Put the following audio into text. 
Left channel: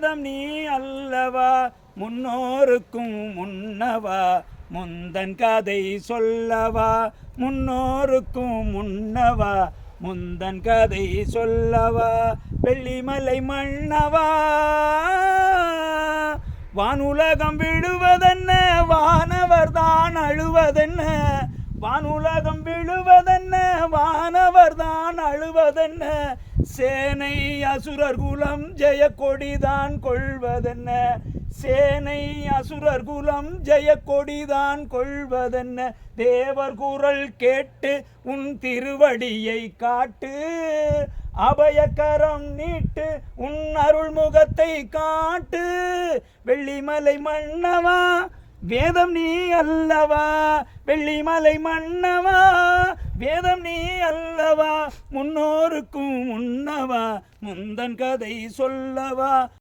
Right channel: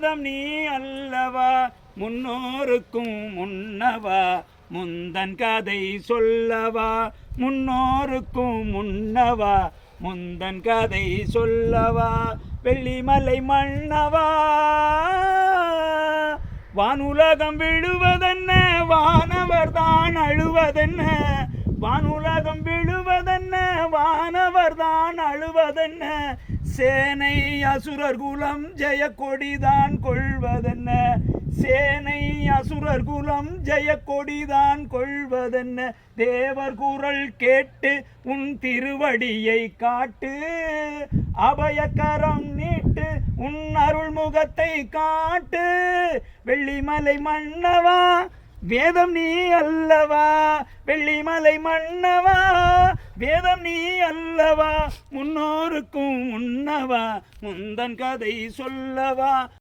வேதம் நீ அல்லவா முன்னோருக்கும் முன்னவா முந்தன் கதை சொல்லவா முன்னோருக்கும் முன்னவா முந்தன் கதை சொல்லவா வெள்ளிமலை மன்னவா வானுலகம் விழுவதென்ன வானவர் தான் அழுவதென்ன வானுலகம் விழுவதென்ன வானவர் தான் அழுவதென்ன சேனை அசுரர் குலம் ஜெய கொடிதான் கொள்வதென்ன சேனை அசுரர் குலம் ஜெய கொடிதான் கொள்வதென்ன தேவர் குரல் கேட்டு உன் திருவடியை காட்டு அபயக்கரம் நீட்டு உன் அருள்முகத்தை காட்டு வெள்ளிமலை மன்னவா வேதம் நீ அல்லவா வெள்ளிமலை மன்னவா வேதம் நீ அல்லவா முன்னோருக்கும் முன்னவா முந்தன் கதை சொல்லவா